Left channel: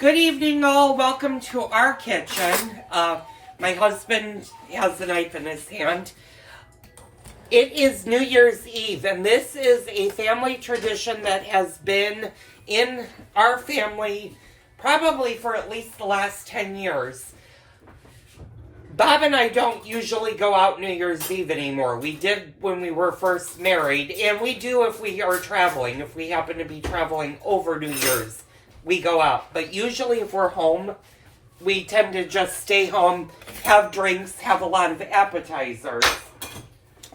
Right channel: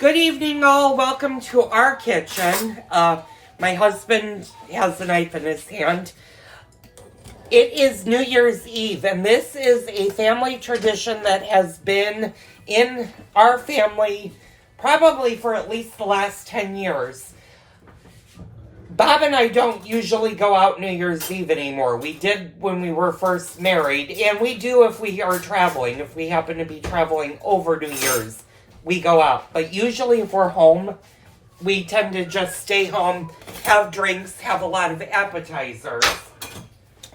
Good evening, all. Welcome to our kitchen. My husband has a knife in his hand. It is New Year's Eve, and this is a family tradition that has been in our family probably for at least the last 10 years. Bob and I don't usually go out New Year's Eve anymore. We did when we were first married, and we do if we are traveling. If we happen to be traveling over New Year's, we go out. But usually if we're home, we tend to just stay home, have drinks, have a lot of appetizers.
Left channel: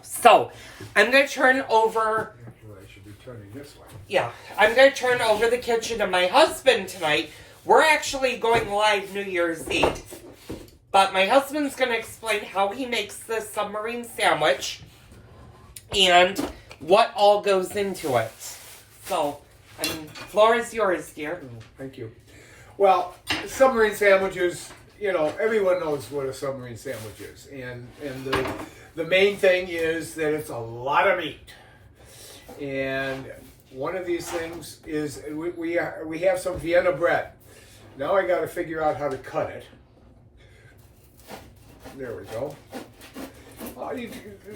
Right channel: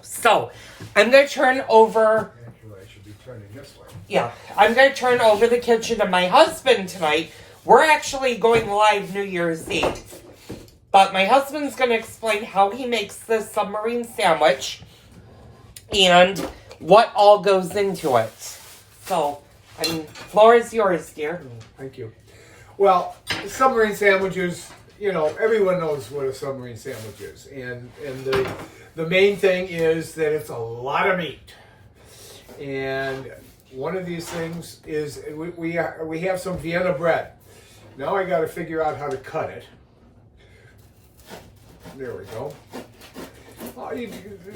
So, I'm going to turn over... Actually, I should be turning this way. Yeah, I'm going to turn over the kitchen to my husband tonight. We're actually going live New Year's Eve. But my husband's going to explain how he makes this submarine sandwich and what all goes into it. So, floor is yours, dear. Oh, thank you. Well, submarine sandwiches, you know, everyone knows what a submarine sandwich is. And the main thing is that it's a lot of meat. And one of these things is we have some Vienna bread. Now I got to figure out how to cut it. There we go. You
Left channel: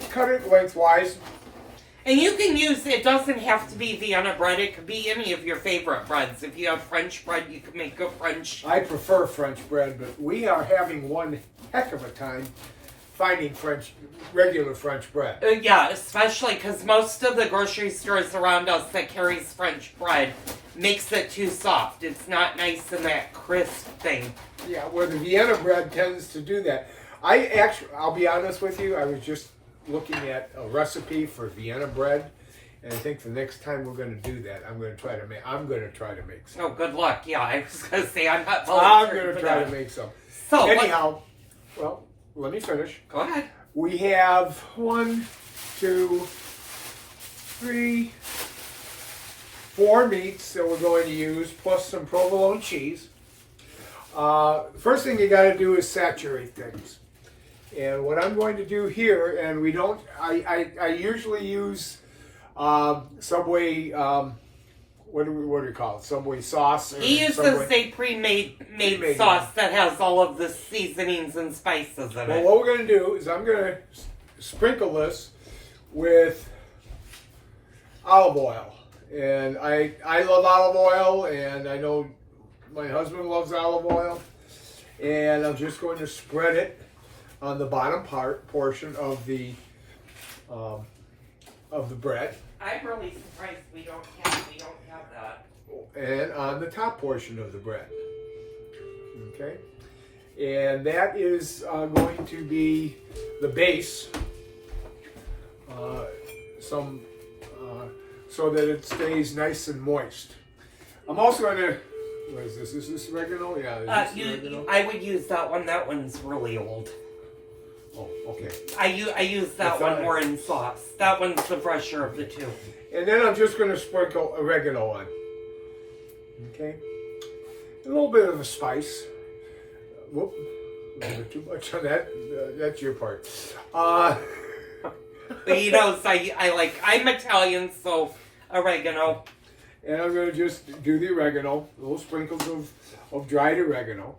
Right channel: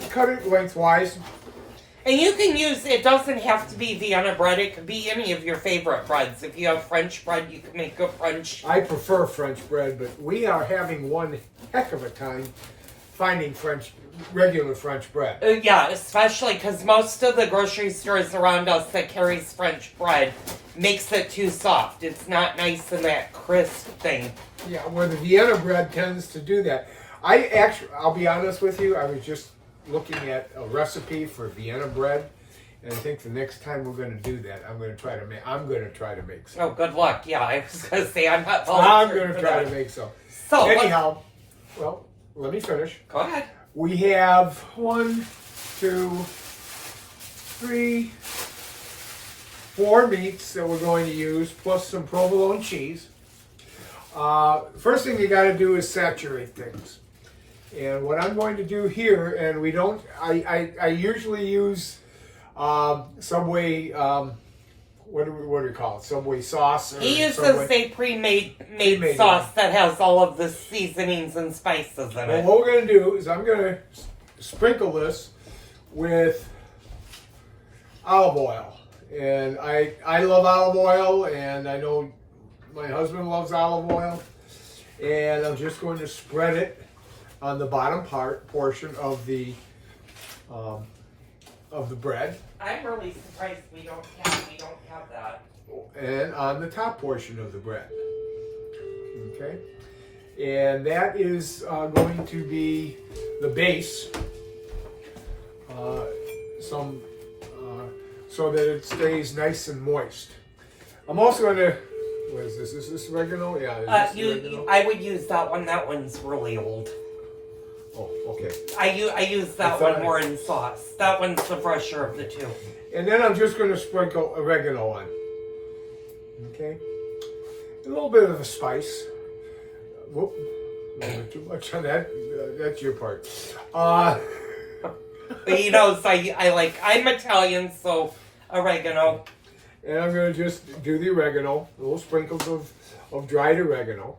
cut it lengthwise. And you can use, it doesn't have to be Vienna bread, it could be any of your favorite breads. If you have French bread, you can make a French. I prefer French bread, but we are having one heck of a time finding regular French bread. Yeah, especially because most of the grocery stores around us that carries French bread makes it too soft. It's not nice in that crisp thing. Yeah, where the Vienna bread tends to do that. I'll be honest with you, I was just looking at a recipe for Vienna bread, and I think the next time we're going to do that, I'm going to try to make some. Oh, good luck. Yeah, I was going to say, I'm not I'm going to try to make some. So, anyhow, well, let me finish. Go ahead. We have 1, 2, 3, 4 meats that we're going to use, plus some provolone cheese. First thing you got to do is saturate things. And what I'm going to do here, and I usually use Subway, what do we call it? Subway sauce? He uses a pre-made sauce that has all of the seasonings and spices in it. Well, what we're going to do is I'm going to sprinkle this with olive oil. And I love olive oil, and I know my husband loves olive oil. And I'm just going to spread it on the bottom portion of the bread. I'm really surprised we don't have that. And on the top portion of the bread. Okay? And that is going to be the base. So that it stays nice and moist. I'm also going to... What is this? Is this oregano? Yeah. Oregano? I would use that one. That one's really old. Oh, okay. I use that one more in sauce. That one's the fresher of the two. And then I'm just going to sprinkle oregano on. Okay. A little bit of a spice. Whoop. A little bit too much on that. That's your part. You know, so I'm Italian, so oregano. And I'm going to just do the oregano, little sprinkles of dried oregano.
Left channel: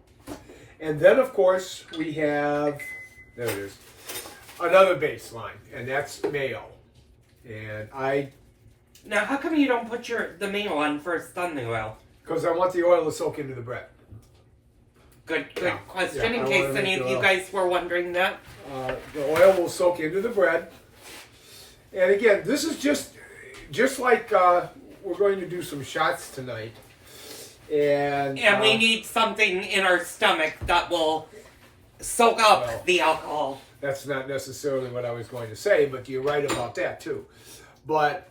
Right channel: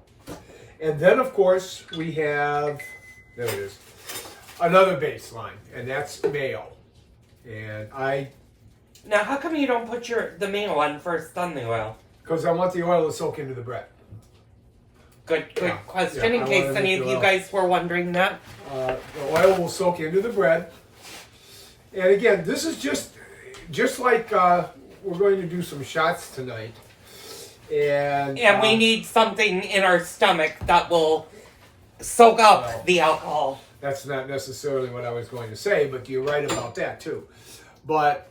And then, of course, we have, there it is, another baseline, and that's mayo. And Now, how come you don't put the mayo on first, then the oil? Because I want the oil to soak into the bread. Good question, in case any of you guys were wondering that. The oil will soak into the bread. And again, this is just like... we're going to do some shots tonight. And we need something in our stomach that will soak up the alcohol. That's not necessarily what I was going to say, but you're right about that too. But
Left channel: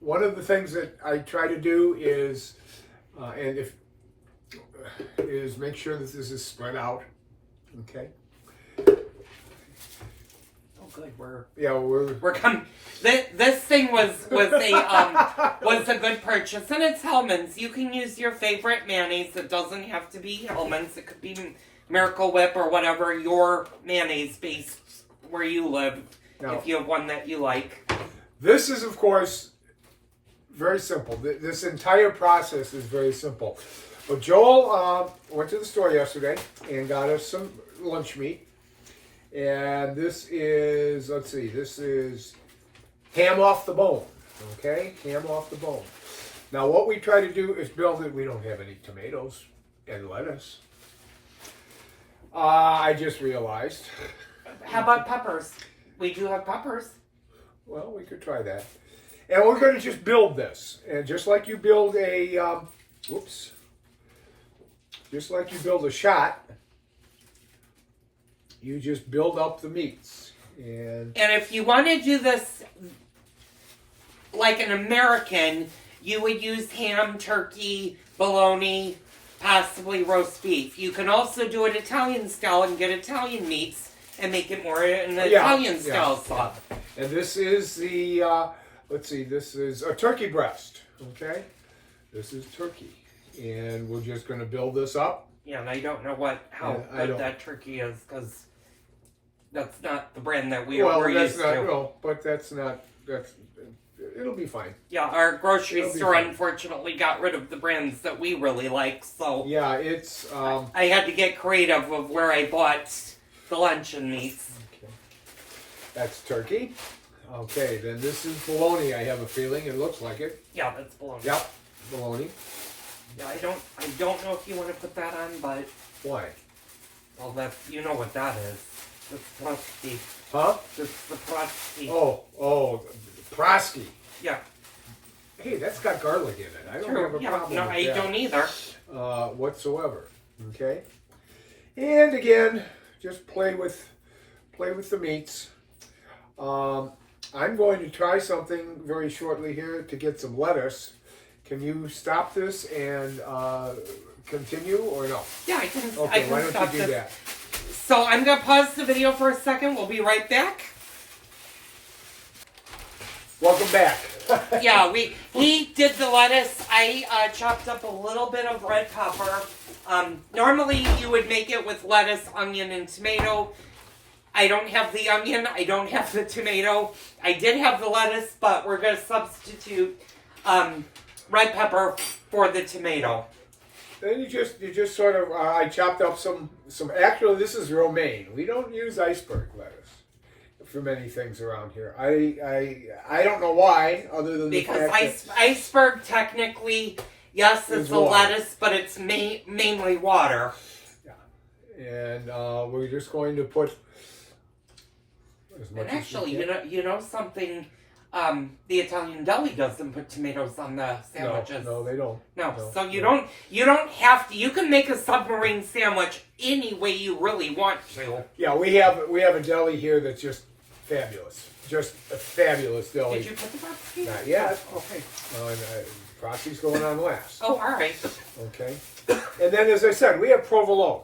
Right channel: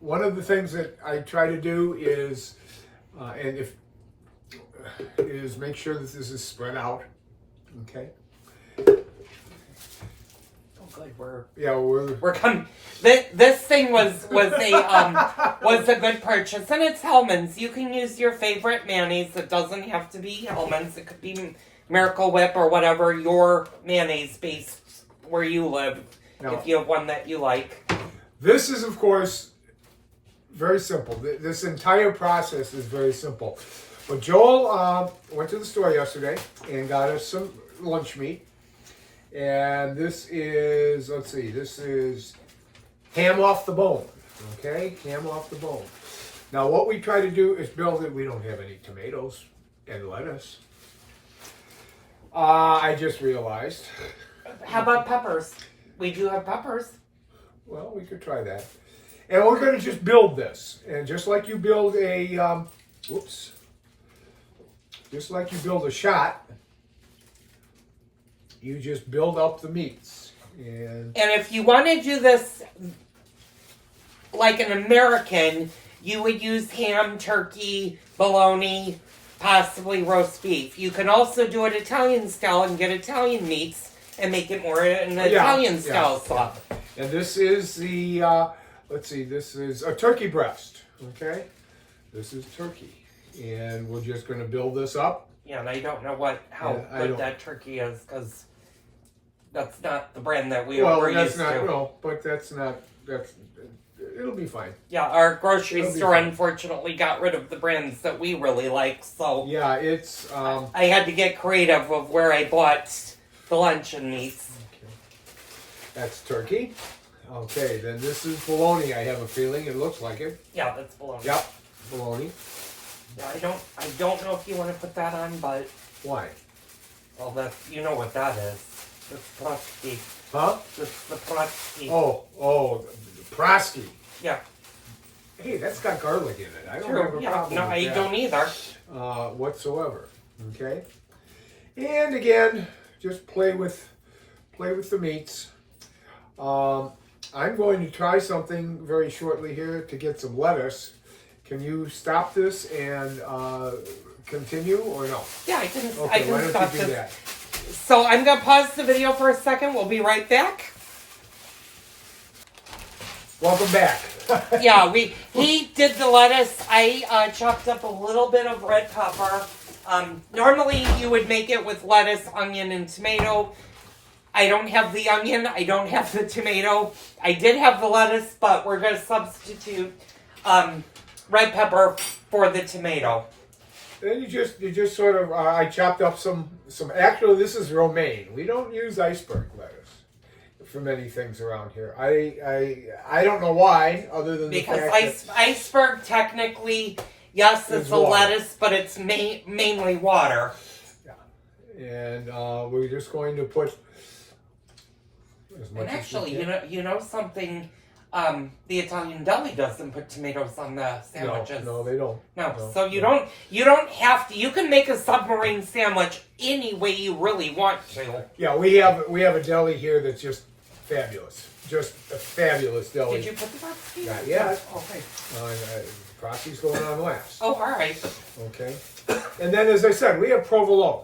one of the things that I try to do is, is make sure that this is spread out. Okay. Good, we're coming. This thing was a good purchase, and it's Hellmann's. You can use your favorite mayonnaise. It doesn't have to be Hellmann's. It could be Miracle Whip or whatever your mayonnaise base where you live. Now, if you have one that you like. This is, of course, very simple. This entire process is very simple. But Joel went to the store yesterday and got us some lunch meat. And this is, let's see, this is ham off the bone. Okay, ham off the bone. Now what we try to do is build it. We don't have any tomatoes and lettuce. I just realized. How about peppers? We do have peppers. Well, we could try that. And we're going to just build this. And just like you build a, just like you build a shot, you just build up the meats. And if you want to do this like an American, you would use ham, turkey, bologna, possibly roast beef. You can also do it Italian style and get Italian meats and make it more an Italian style sauce. And this is the, let's see, this is a turkey breast, okay? This is turkey. And we're just going to build this up. Yeah, and I don't know how good that turkey is, because that's not the brand that we're used to. No, but that's not, it'll be fine. Yeah, our grocery store unfortunately got rid of the brands that we really like, so... Yeah, it's... I had to get creative of where I bought the luncheon meats. Okay. That's turkey. Okay, then this is bologna, I have a feeling. It looks like it. Yeah, that's bologna. Yep, bologna. Yeah, I don't know if you want to put that on, but... Why? Well, you know what that is. It's prosky. Huh? It's the prosky. Oh, prosky. Yeah. Hey, that's got garlic in it. I don't have a problem with that. I don't either. Whatsoever. Okay? And again, just play with the meats. I'm going to try something very shortly here to get some lettuce. Can you stop this and continue or no? Yeah, I can. Okay, I can why don't stop you do this. that? So I'm gonna pause the video for a second. We'll be right back. Welcome back. Yeah, he did the lettuce. I chopped up a little bit of red pepper. Normally you would make it with lettuce, onion, and tomato. I don't have the onion. I don't have the tomato. I did have the lettuce, but we're gonna substitute red pepper for the tomato. Then you just sort of I chopped up some actually this is romaine. We don't use iceberg lettuce for many things around here. I don't know why, other than because the fact that iceberg technically, yes, it's a lettuce, but it's mainly water. Yeah, and we're just going to put as much. And actually, you know something. The Italian deli doesn't put tomatoes on the sandwiches. No, they don't. No, so you don't have to. You can make a submarine sandwich any way you really want to. Yeah, we have a deli here that's just fabulous. Just a fabulous deli. Did you put the box? Not yet. Okay. Frosty's going on last. Oh, all right. Okay. And then, as I said, we have provolone,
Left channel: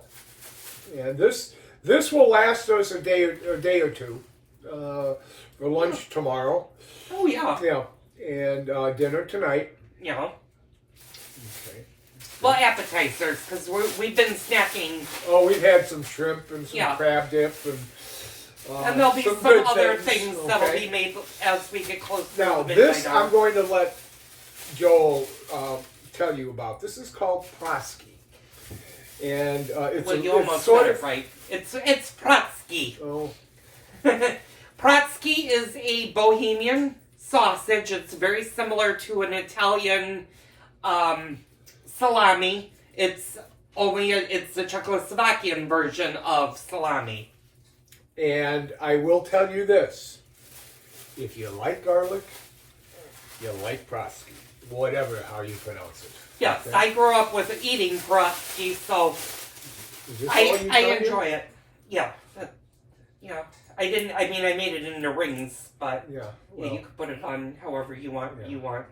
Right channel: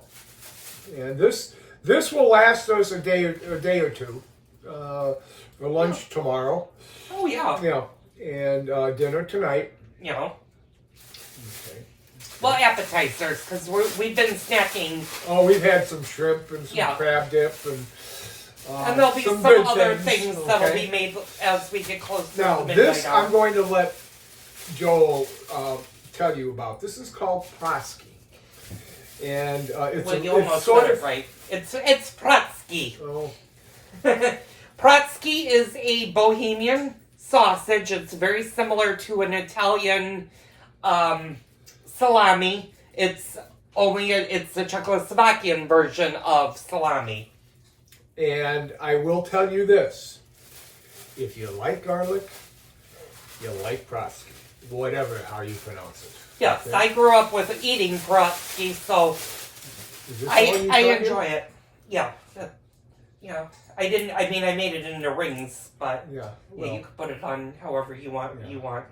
and this will last us a day or two for lunch tomorrow. Oh yeah. Yeah, and dinner tonight. Yeah. Okay. Well, appetizers, because we've been snacking. Oh, we've had some shrimp and some crab dip and there'll be some other things that'll be made as we get closer to now, the midnight this hour. I'm going to let Joel tell you about. This is called prosky. And you almost said it right. It's Protsky. Oh. Protsky is a Bohemian sausage. It's very similar to an Italian salami. It's the Czechoslovakian version of salami. And I will tell you this: if you like garlic, you like prosky, whatever how you pronounce it. Yes, okay? I grew up with eating Protsky, so I enjoy it. Yeah. Yeah. I made it into rings, but yeah, you could put it on however you want. Yeah. You want.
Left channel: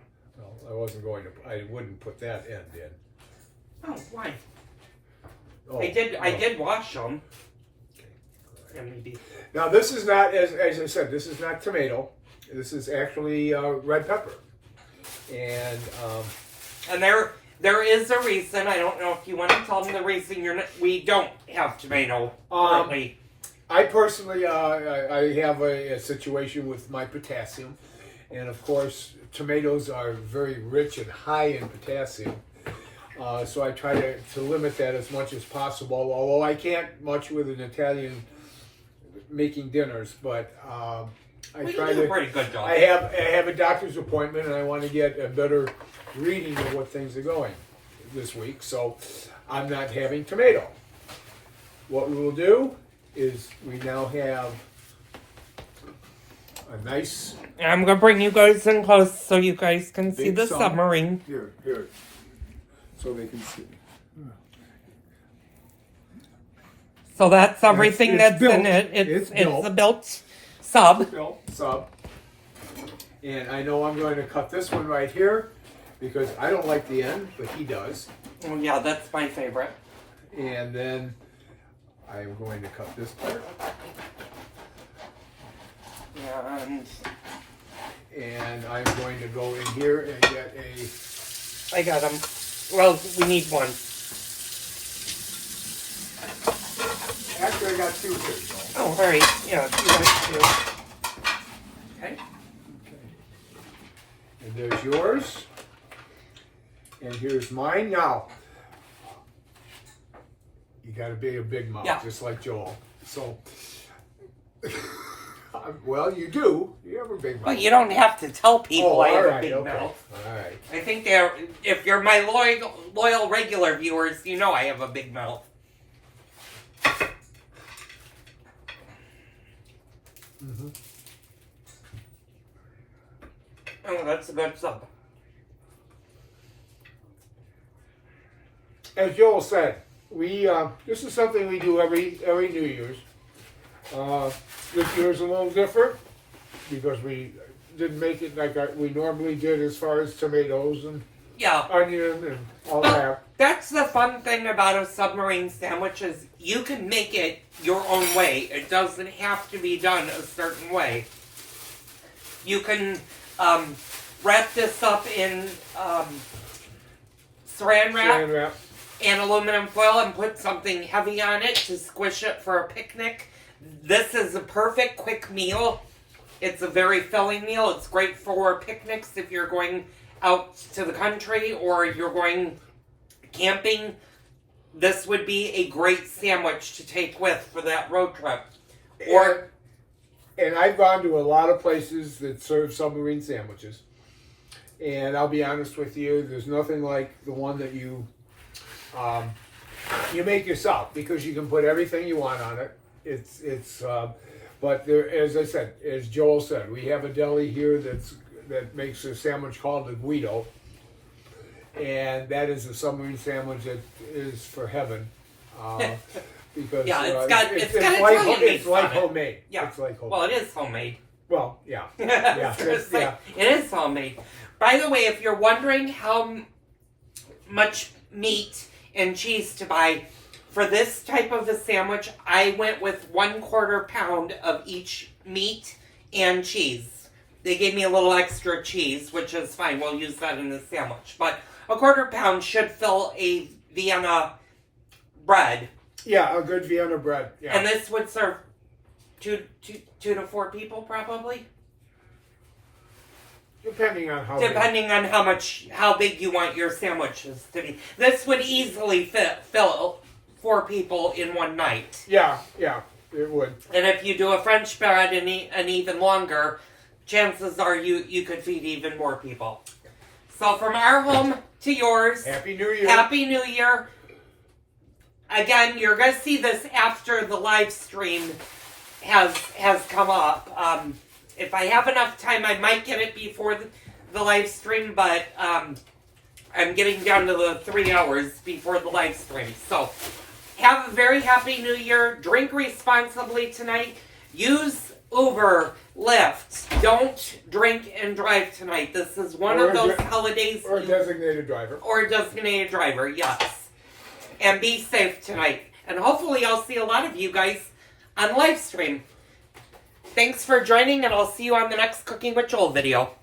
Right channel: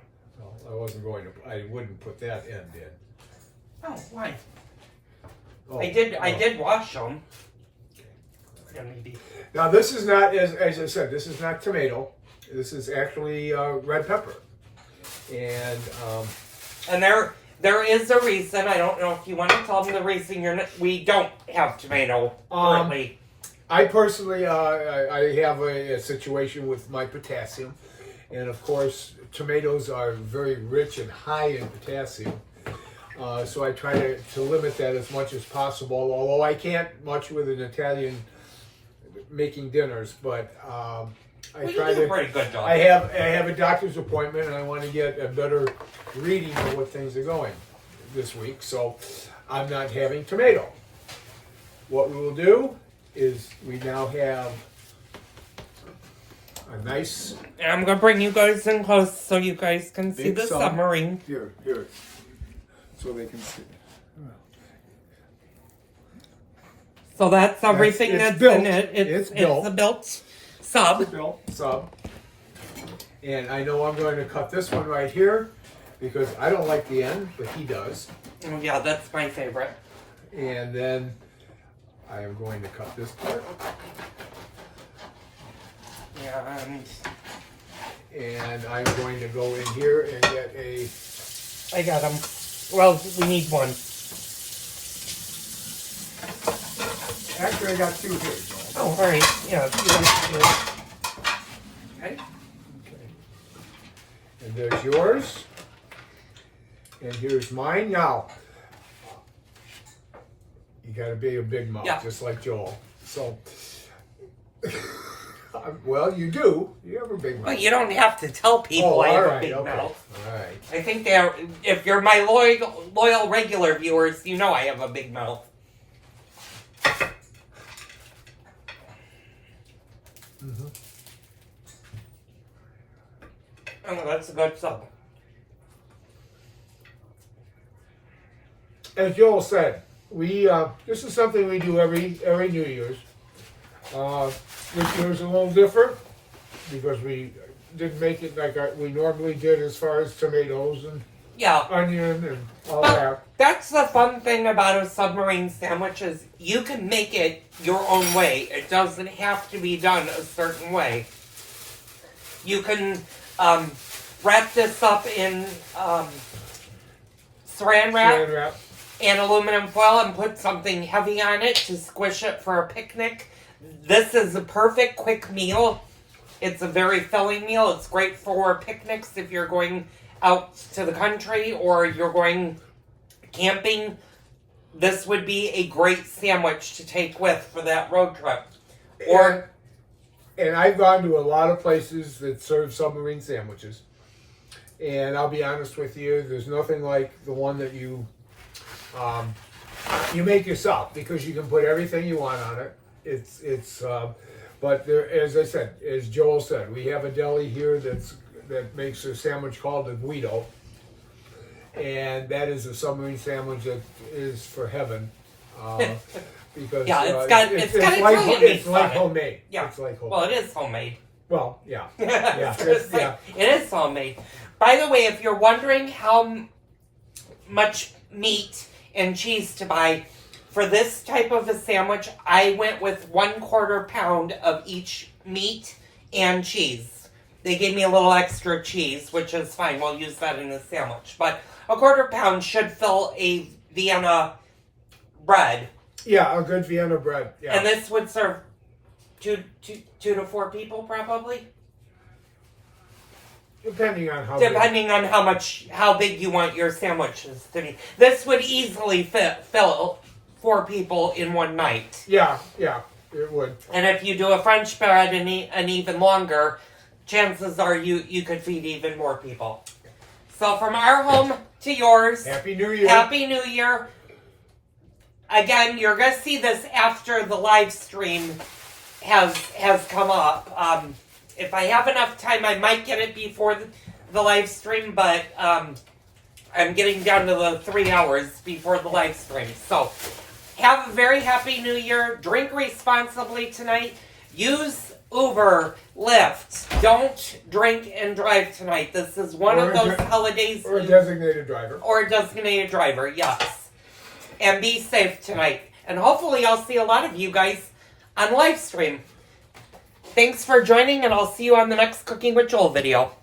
Well, I wouldn't put that end in. Oh, why? Oh, I did wash them. Okay. Yeah, maybe. Now this is not, as I said, this is not tomato. This is actually red pepper, and there is a reason. I don't know if you want to tell them the reason we don't have tomato currently. I personally, I have a situation with my potassium, and of course, tomatoes are very rich and high in potassium. So I try to limit that as much as possible, although I can't much with an Italian making dinners, but I try to. Pretty good job. I have a doctor's appointment, and I want to get a better reading of what things are going this week, so I'm not having tomato. What we will do is we now have a nice I'm going to bring you guys in close so you guys can see big the sub. submarine. Here, so they can see. So that's everything it's that's built. in it. It's built. a built sub. Built sub. And I know I'm going to cut this one right here because I don't like the end, but he does. Oh, yeah, that's my favorite. And then I am going to cut this part. Yeah, And I'm going to go in here and get a. I got them. Well, we need one. Actually, I got two here, Joel. Oh, all right. Yeah, if you want to do it. Okay. Okay. And there's yours. And here's mine. Now, you got to be a big mouth, Yeah. just like Joel. So, well, you do. You have a big mouth. Well, you don't have to tell people I have a big okay. mouth. All right. I think if you're my loyal regular viewers, you know I have a big mouth. Mm-hmm. Oh, that's a good sub. As Joel said, we this is something we do every New Year's. This year's a little different because we didn't make it like we normally did as far as tomatoes and Yeah. onion and all that. That's the fun thing about a submarine sandwich is you can make it your own way. It doesn't have to be done a certain way. You can wrap this up in saran wrap and aluminum foil and put something heavy on it to squish it for a picnic. This is a perfect quick meal. It's a very filling meal. It's great for picnics if you're going out to the country or you're going camping. This would be a great sandwich to take with for that road trip. And I've gone to a lot of places that serve submarine sandwiches. And I'll be honest with you, there's nothing like the one that you make yourself because you can put everything you want on it. But there, as I said, as Joel said, we have a deli here that makes a sandwich called the Guido, and that is a submarine sandwich that is for heaven. Because yeah, it's like homemade. Yeah, it's like homemade. Well, it is homemade. Well, yeah, It is homemade. By the way, if you're wondering how much meat and cheese to buy for this type of a sandwich, I went with 1/4 pound of each meat and cheese. They gave me a little extra cheese, which is fine. We'll use that in the sandwich. But 1/4 pound should fill a Vienna bread. Yeah, a good Vienna bread. Yeah. And this would serve two to 4 people, probably. Depending on how how big you want your sandwiches to be. This would easily fill 4 people in one night. Yeah, it would. And if you do a French bread and even longer, chances are you could feed even more people. So from our home to yours. Happy New Year. Happy New Year. Again, you're going to see this after the live stream has come up. If I have enough time, I might get it before the live stream, but I'm getting down to the 3 hours before the live stream. So, have a very happy New Year. Drink responsibly tonight. Use Uber, Lyft. Don't drink and drive tonight. This is one of those holidays. Or a designated driver. Or a designated driver, yes. And be safe tonight. And hopefully I'll see a lot of you guys on live stream. Thanks for joining, and I'll see you on the next Cooking with Joel video.